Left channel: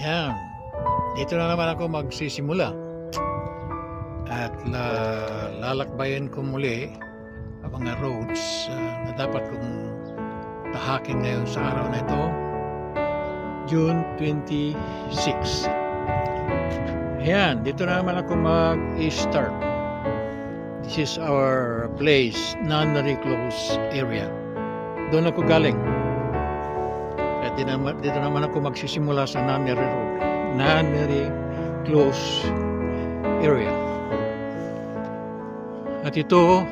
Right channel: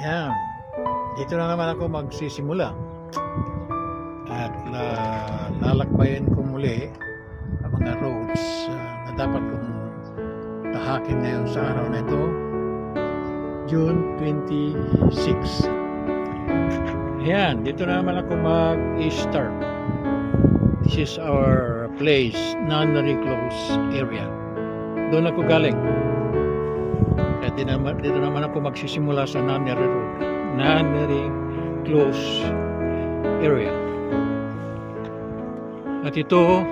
Yan. Dito na naman ako magsisimula. At lalakbayan ko muli ang mga roads na dapat kong tahakin ngayon sa araw na ito, June 26. Ayan, dito na naman ako mag-start. This is our place, Nunnery Close area. Doon ako galing. At dito naman ako magsisimula sa Nunnery Road, Nunnery Close area. At ito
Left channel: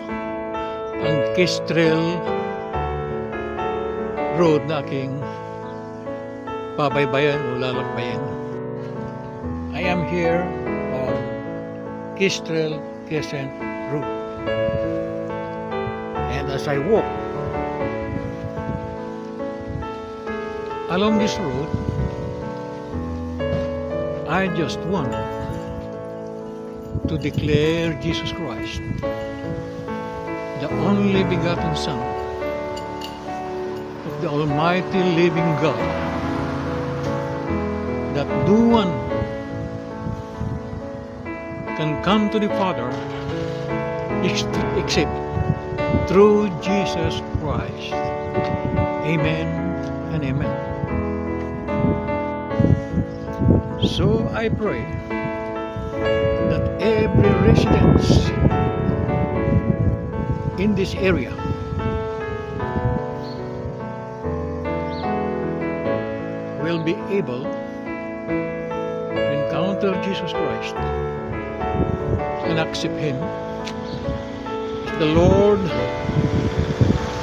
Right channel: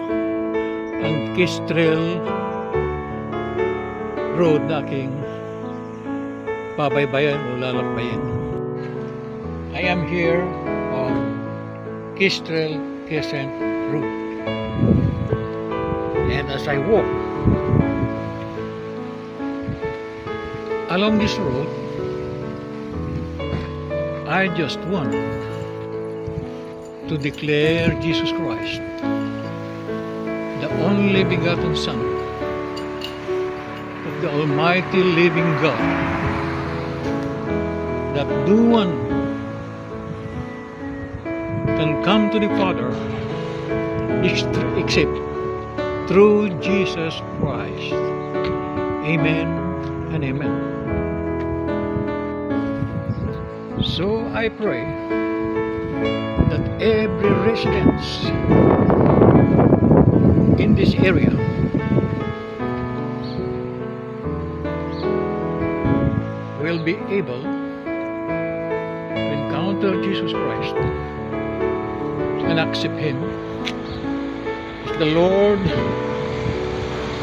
ang Kestrel Road na aking pabaybayan o lalakbayan. I am here on Kestrel Crescent Road. And as I walk along this road, I just want to declare Jesus Christ, the only begotten Son of the Almighty living God, that no one can come to the Father except through Jesus Christ. Amen and amen. So I pray that every resident in this area will be able to encounter Jesus Christ and accept Him as the Lord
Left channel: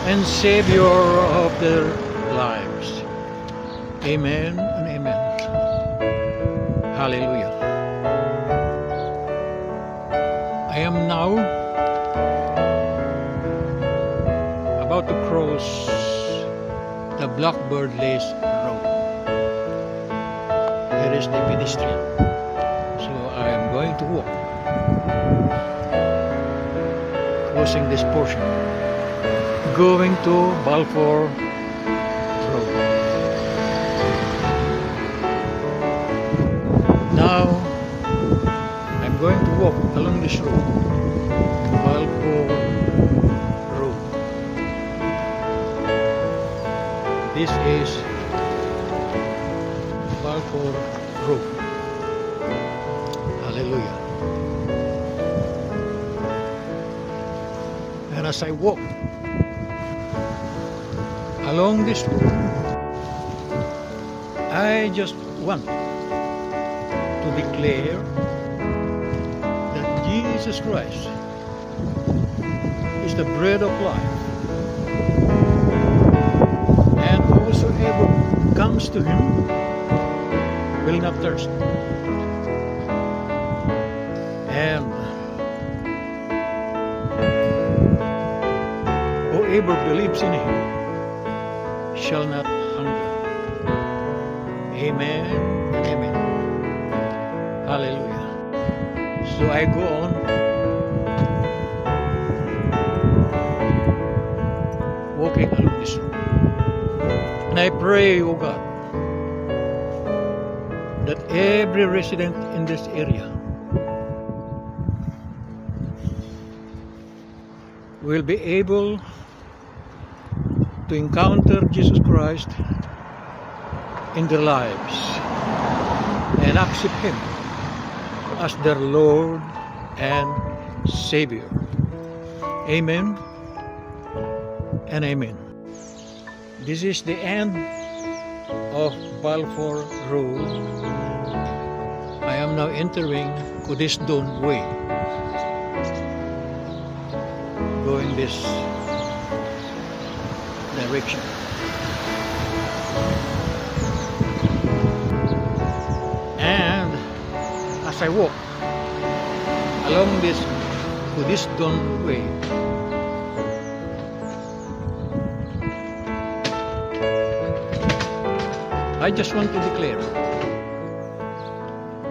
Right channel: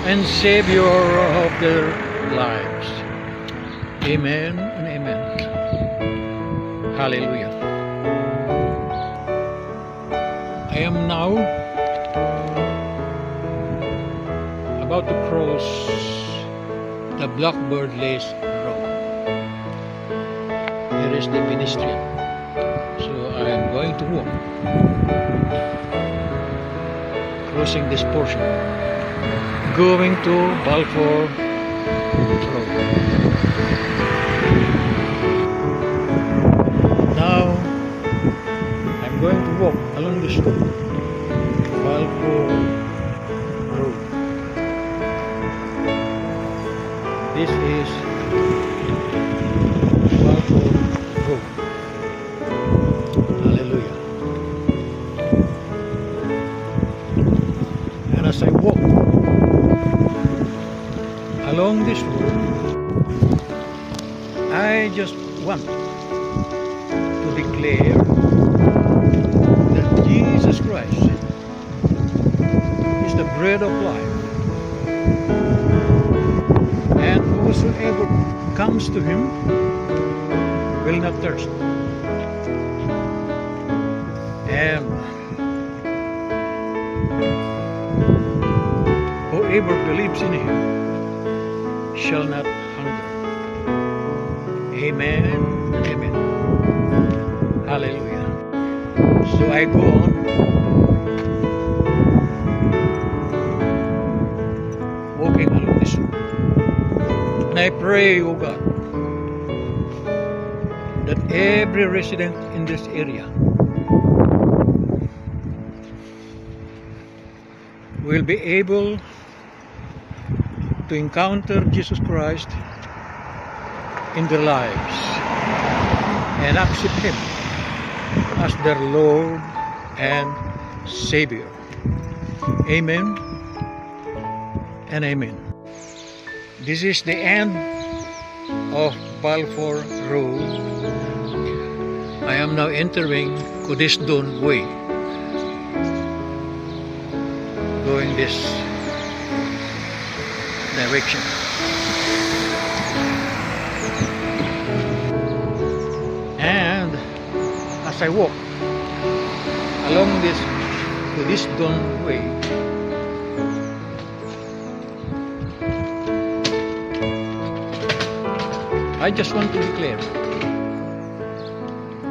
and Savior of their lives. Amen and amen. Hallelujah. I am now about to cross the Blackbird Lace Road. Here is the pedestrian. So I am going to walk, crossing this portion, going to Balfour Road. Now I'm going to walk along this road, Balfour Road. This is Balfour Road. Hallelujah. And as I walk along this road, I just want to declare that Jesus Christ is the bread of life, and whosoever comes to Him will not thirst, and whoever believes in Him shall not hunger. Amen and amen. Hallelujah. So I go on walking along this road, and I pray, O God, that every resident in this area will be able to encounter Jesus Christ in their lives and accept Him as their Lord and Savior. Amen and amen. This is the end of Balfour Road. I am now entering Cudisdon Way, going this direction. And as I walk along this Cudisdon Way, I just want to declare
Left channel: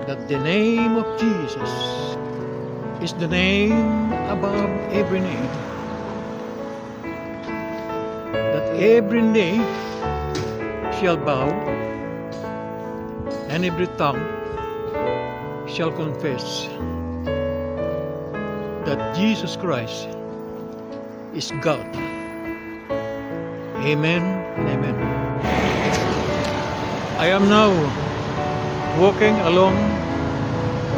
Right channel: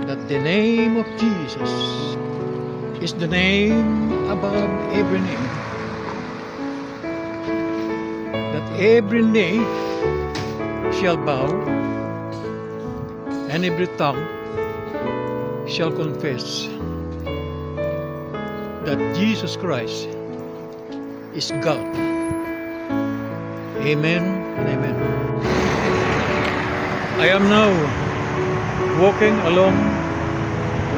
that the name of Jesus is the name above every name, that every knee shall bow and every tongue shall confess that Jesus Christ is God. Amen and amen. I am now walking along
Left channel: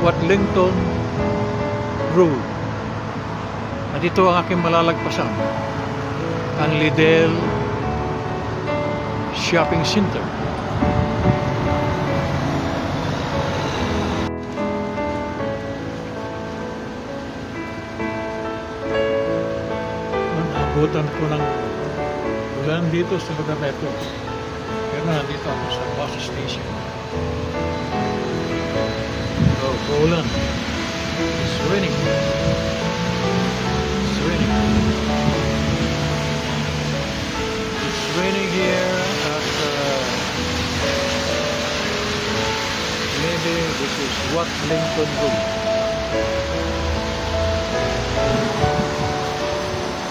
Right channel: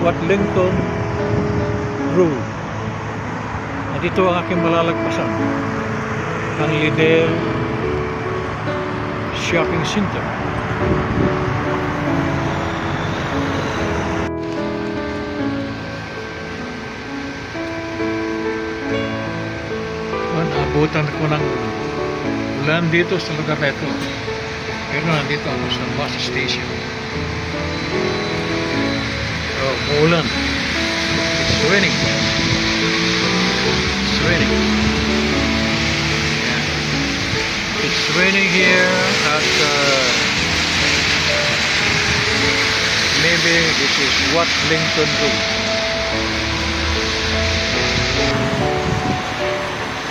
Watlington Road. At ito ang aking malalagpasan, ang Lidl Shopping Center. Naabutan ko ng ulan dito sa lugar na ito. Pero nandito ako sa bus station. So, uulan. It's raining. It's raining. It's raining here at maybe this is Watlington Road.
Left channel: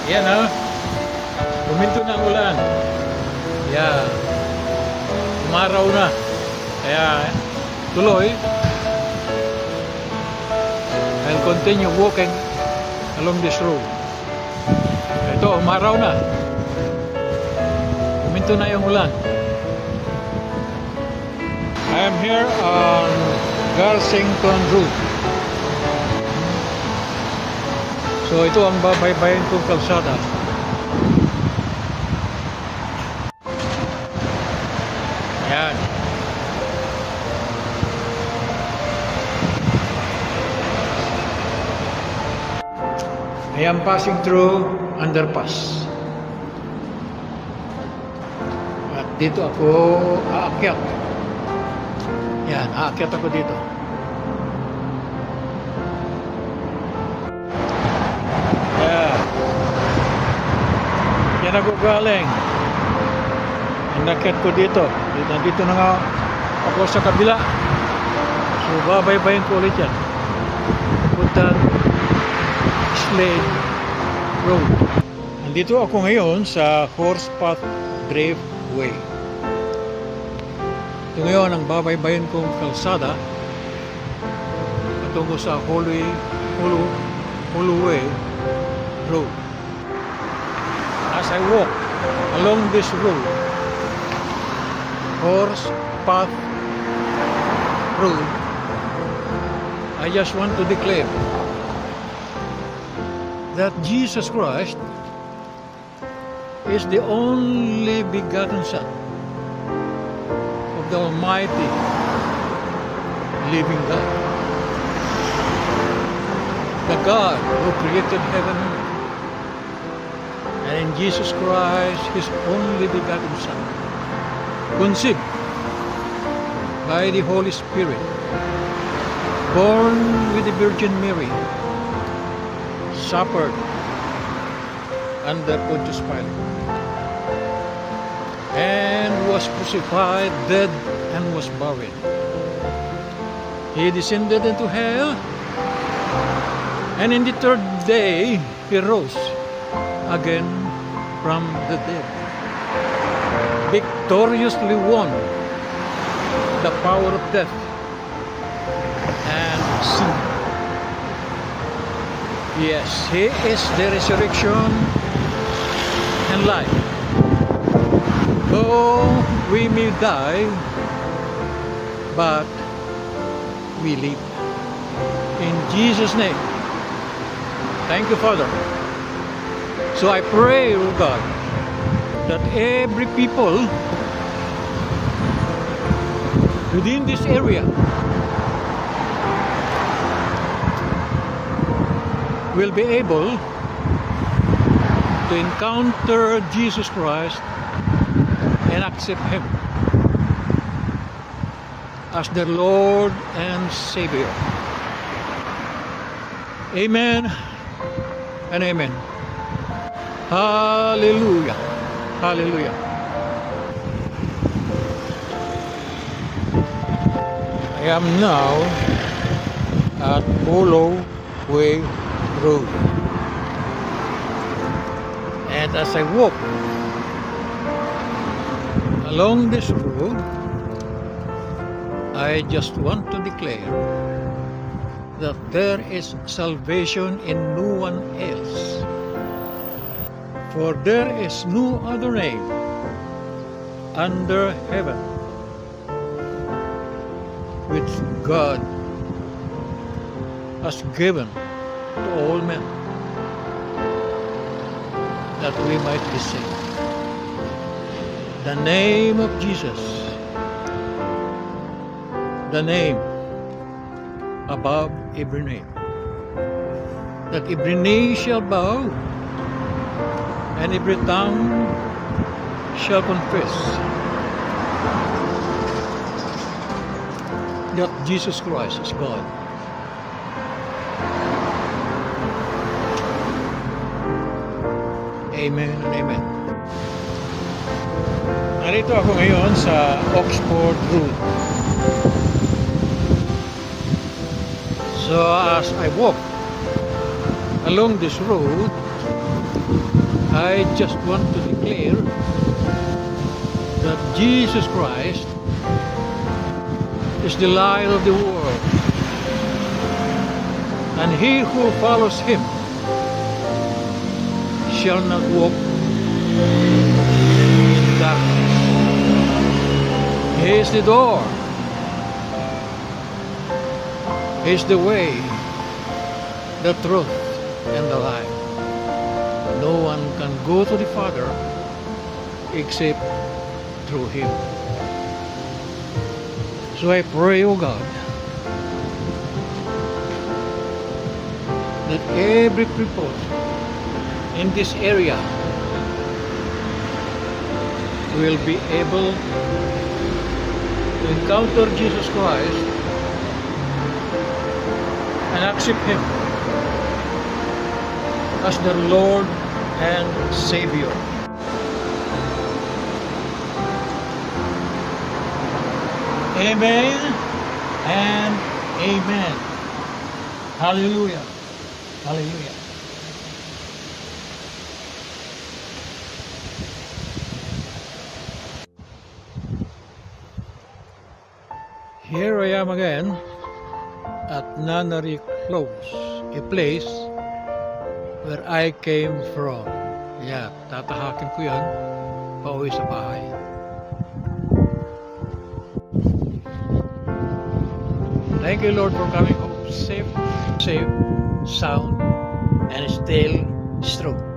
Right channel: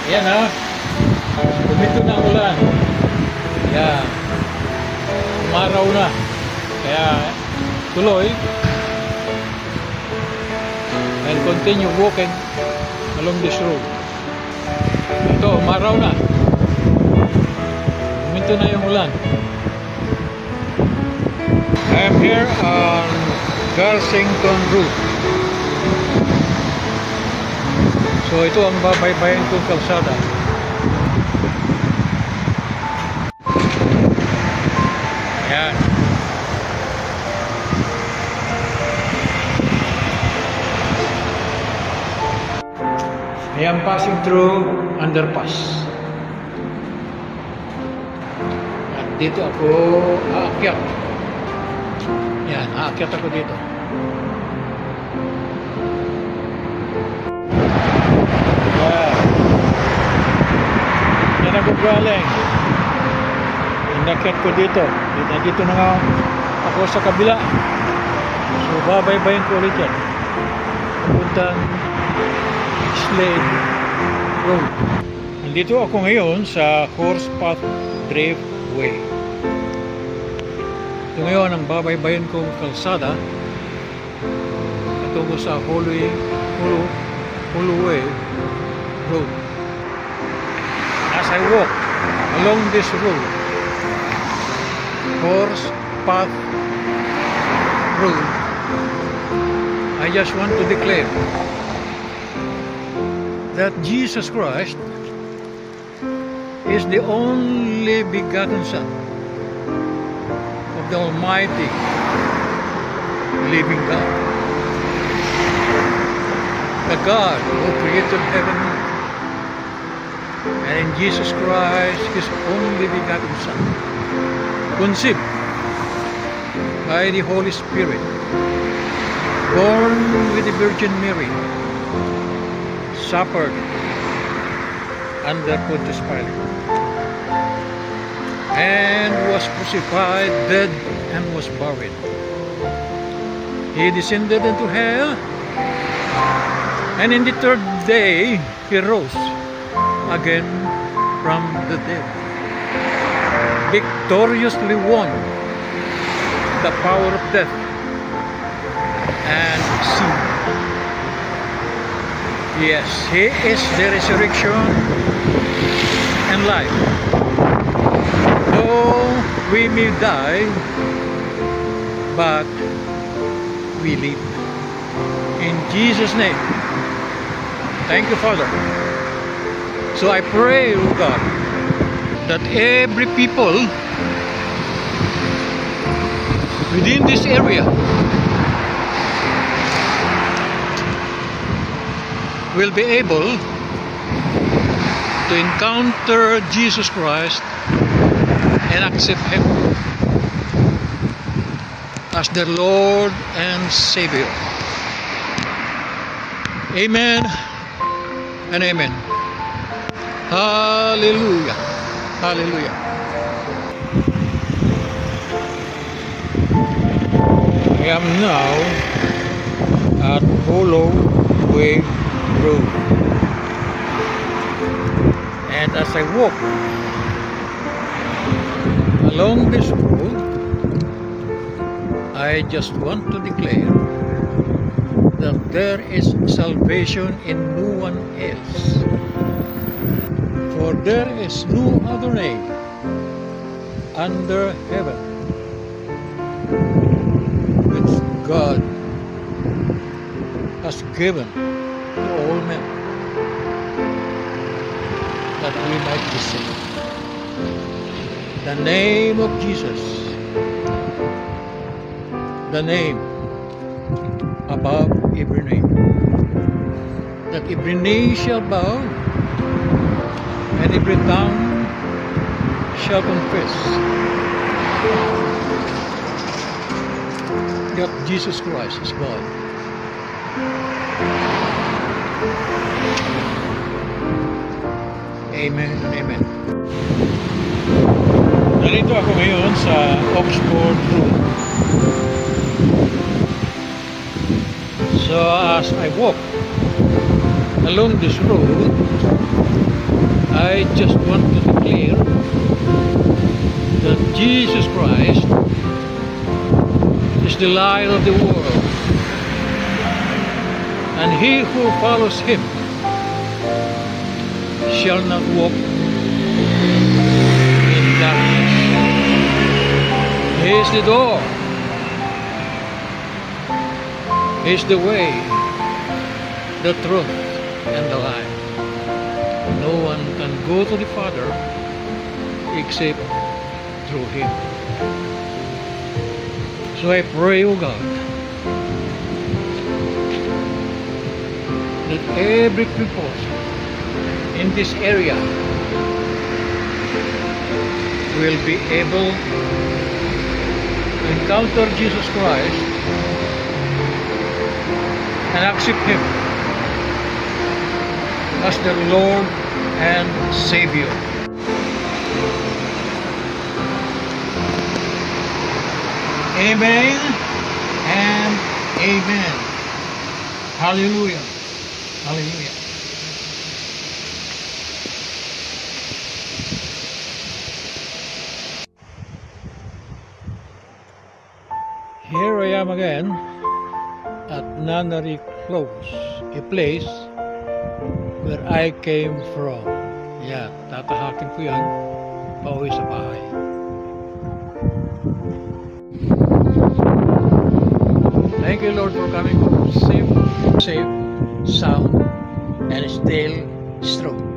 Yan ha. Bumito na ang ulan. Yan. Umaraw na. Kaya tuloy. I'll continue walking along this road. Ito, umaraw na. Bumito na yung ulan. I am here on Garsington Road. So ito ang babaybayin kong kalsada. Ayan. I am passing through underpass. At dito ako aakyat. Yan, aakyat ako dito. Yan. Yan ako galing. Inakyat ko dito. Dito na nga ako sa kabila. So babaybayin ko ulit yan. Papuntang Slade Road. Nandito ako ngayon sa Horsepath Driftway. Ito ngayon ang babaybayin kong kalsada patungo sa Holloway Road. As I walk along this road, Horsepath Road, I just want to declare that Jesus Christ is the only begotten Son of the Almighty living God. The God who created heaven, and in Jesus Christ, His only begotten Son, conceived by the Holy Spirit, born with the Virgin Mary, suffered under Pontius Pilate, and was crucified, dead, and was buried. He descended into hell, and in the third day He rose again from the dead, victoriously won the power of death and sin. Yes, He is the resurrection and life. Though we may die, but we live. In Jesus' name. Thank you, Father. So I pray, O God, that every people within this area will be able to encounter Jesus Christ and accept Him as their Lord and Savior. Amen and amen. Hallelujah. Hallelujah. I am now at Holloway Road, and as I walk along this road, I just want to declare that there is salvation in no one else. For there is no other name under heaven which God has given to all men, that we might be saved. The name of Jesus, the name above every name, that every knee shall bow and every tongue shall confess that Jesus Christ is God. Amen and amen. Narito ako ngayon sa Oxford Road. So as I walk along this road, I just want to declare that Jesus Christ is the light of the world, and he who follows him shall not walk in darkness. He is the door. He is the way, the truth, and the life. No one can go to the Father except through him. So I pray, O God, that every people in this area will be able to encounter Jesus Christ and accept him as their Lord and Savior. Amen and amen. Hallelujah. Hallelujah. Here I am again at Nunnery Close, a place where I came from. Yeah, tatahakin ko yan pauwi sa bahay. Thank you, Lord, for coming home safe, sound, and still strong.